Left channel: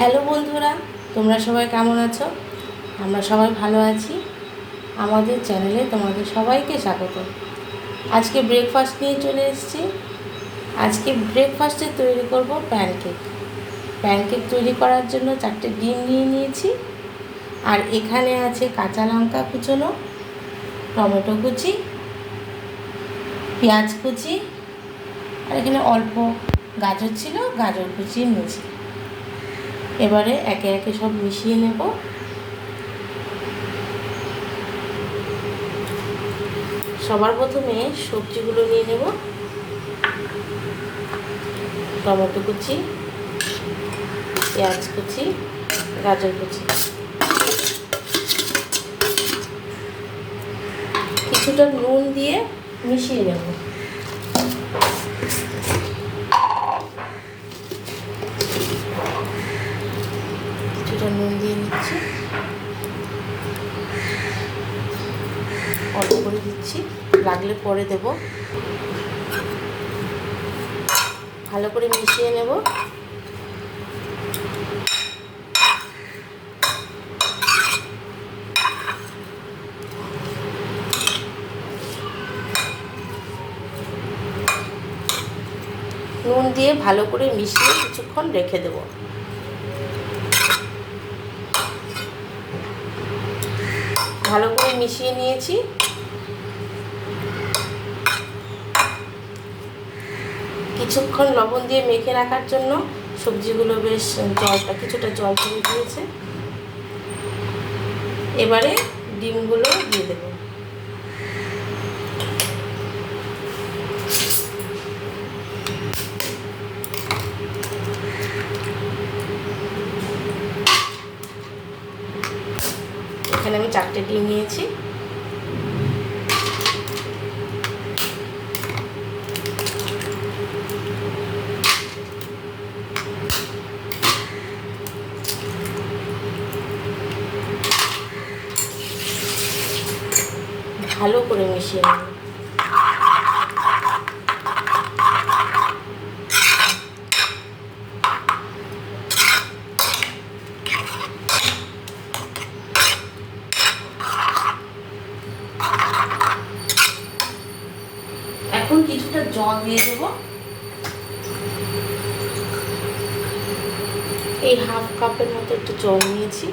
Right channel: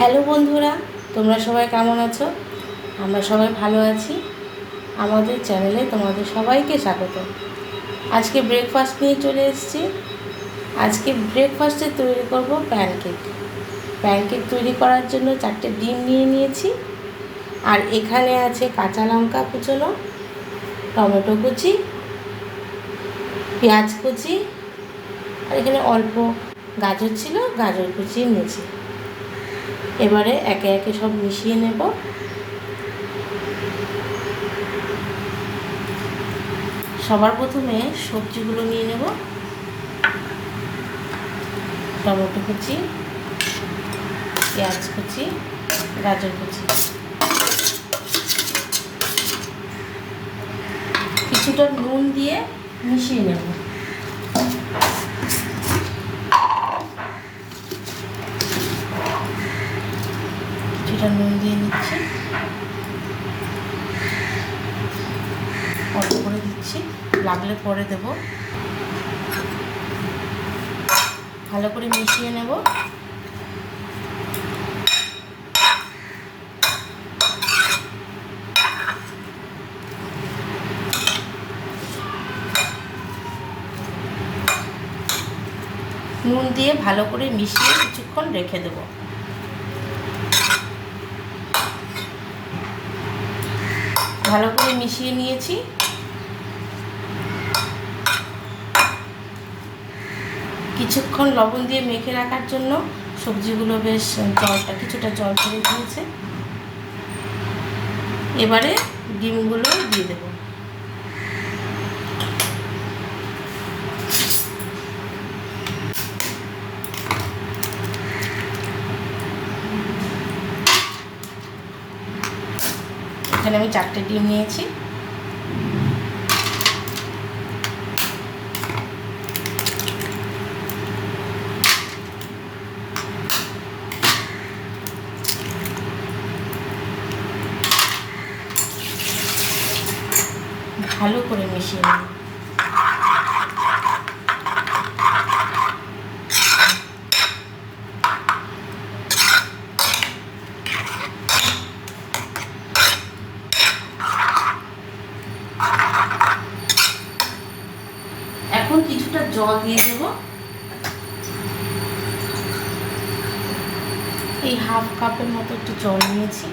Hello বন্ধুরা, তোমরা সবাই কেমন আছো? আমরা সবাই ভালো আছি। আমাদের চ্যানেলে তোমাদের সবাইকে স্বাগত। আজকে ব্রেকফাস্ট নিয়ে চলে এসেছি। আজকে ব্রেকফাস্টে তৈরি করব প্যানকেক। প্যানকেক তৈরি করার জন্য 4টে ডিম নিয়ে নিয়েছি। আর এখানে আছে কাঁচা লঙ্কা কুচোনো, টমেটো কুচি, পেঁয়াজ কুচি, আর এখানে অল্প গাজর ছিল, গাজর কুচি নিয়েছি। এবারে একে একে সব মিশিয়ে নেব। সবার প্রথমে সবজিগুলো নিয়ে নেব। টমেটো কুচি, পেঁয়াজ কুচি, গাজর কুচি, কিছুটা নুন দিয়ে মিশিয়ে নেব। কিছুটা নুন দিয়ে নিচ্ছি, অল্প করে দিচ্ছি, লাগলে পরে দেব। ভালো করে মিশিয়ে নেব। নুন দিয়ে ভালো করে মিশিয়ে কিছুক্ষণ রেখে দেব। ভালো করে মিশিয়ে নিয়েছি। কিছুক্ষণ লবণ দিয়ে মেখে রাখার জন্য সবজিগুলো বেশ কিছুটা জল ছেড়ে দিয়েছে। এবারে ডিমগুলো দিয়ে দেব। এখানে আমি 4টে ডিম নিয়েছি। ভালো করে মিশিয়ে নেব। এখন কিছুটা জল দিয়ে দেব। এই হাফ কাপের মতো একটু জল নিয়েছি।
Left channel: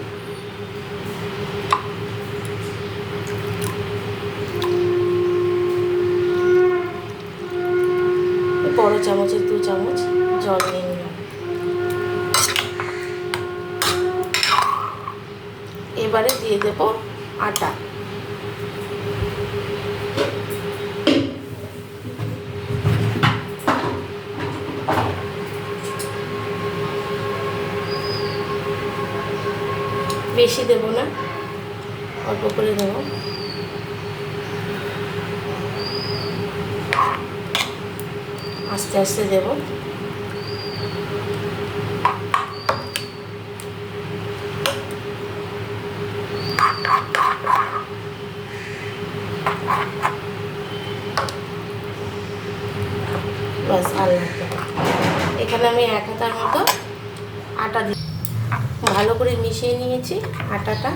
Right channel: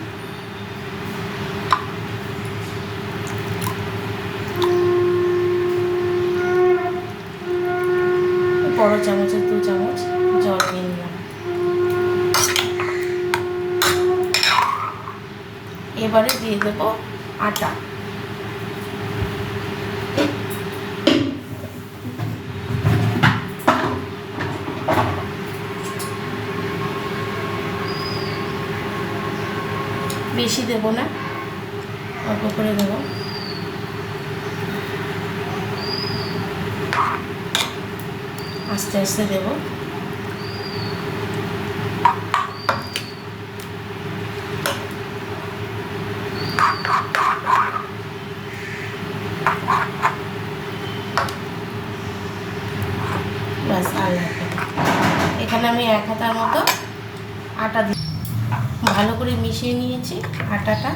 বড় চামচের 2 চামচ জল দিয়ে নিলাম। এবারে দিয়ে দেব আটা। বেশি দেব না, অল্প করে দেব। আস্তে আস্তে দেব। বাস, আর লাগবে না। এখানে আমি 1 হাতার মতো আটা দিয়ে ভালো করে মিশিয়ে নিয়েছি আটাটা।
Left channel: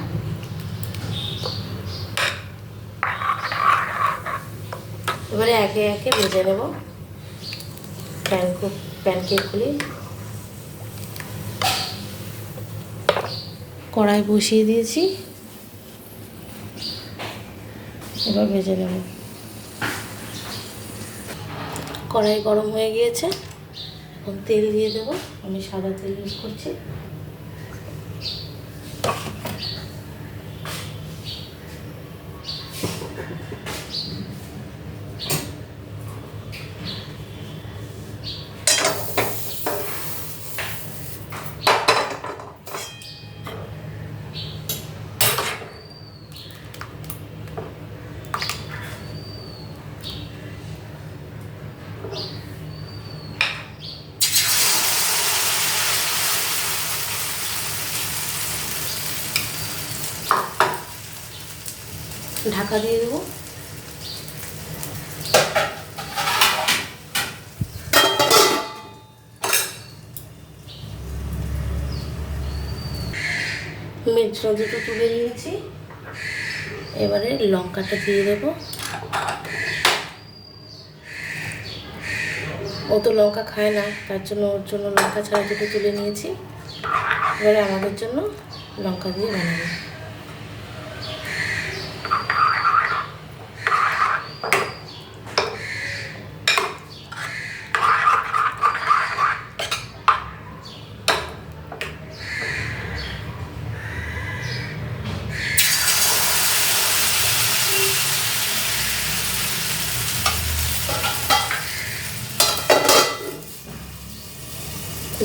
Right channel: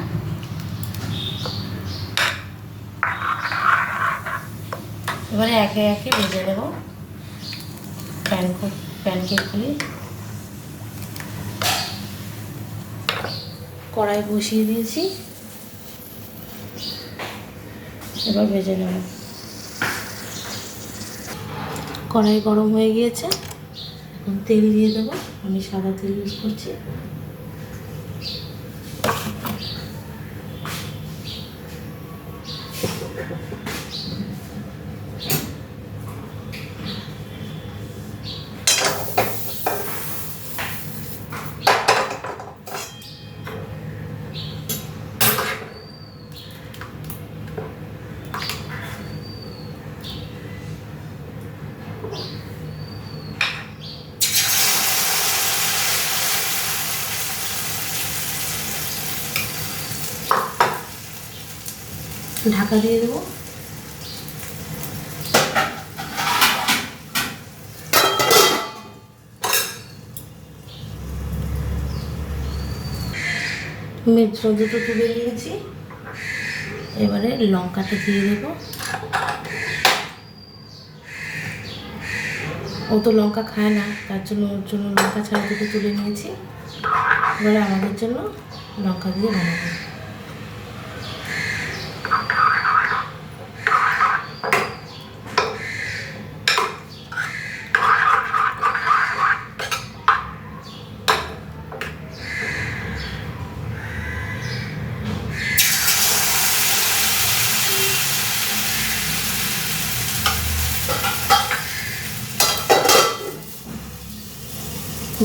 এবারে একে একে ভেজে নেব প্যানকেকগুলি। কড়াই বসিয়ে দিয়েছি, এবার ভেজে নেব। কড়াই গরম হয়ে গিয়েছে, এখন তেল দিয়ে দেবো। আমি সাদা তেল ইউজ করছি। ঢাকা দিয়ে দেবো। মির্চা দুটো তুলে নিয়েছি, এবারে লঙ্কাটা দিয়ে দেবো। ও তো লঙ্কা খায় না, তার জন্য ওর জন্য লঙ্কা ছাড়া দুটো তুলে নিয়েছি। এবারে আমাদের জন্য লঙ্কা দিয়ে বানাবো।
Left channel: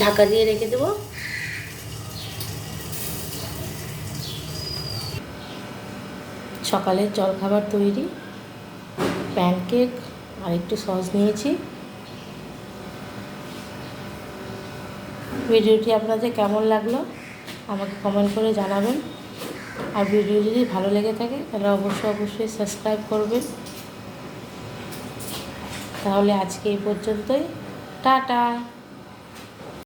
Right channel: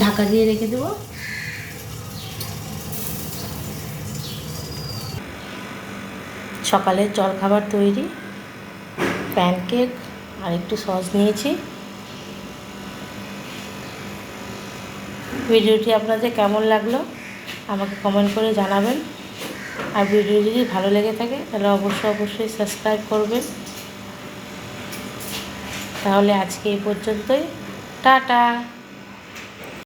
ঢাকা দিয়ে রেখে দেবো। সকালের জলখাবার তৈরি, প্যানকেক আর একটু সস নিয়েছি। ভিডিওটি আপনাদের কেমন লাগলো আমাকে কমেন্ট করে জানাবেন। আর ভিডিও যদি ভালো লেগে থাকে তাহলে অবশ্যই সাবস্ক্রাইব করবেন। তাহলে আজকে এই পর্যন্তই, টাটা।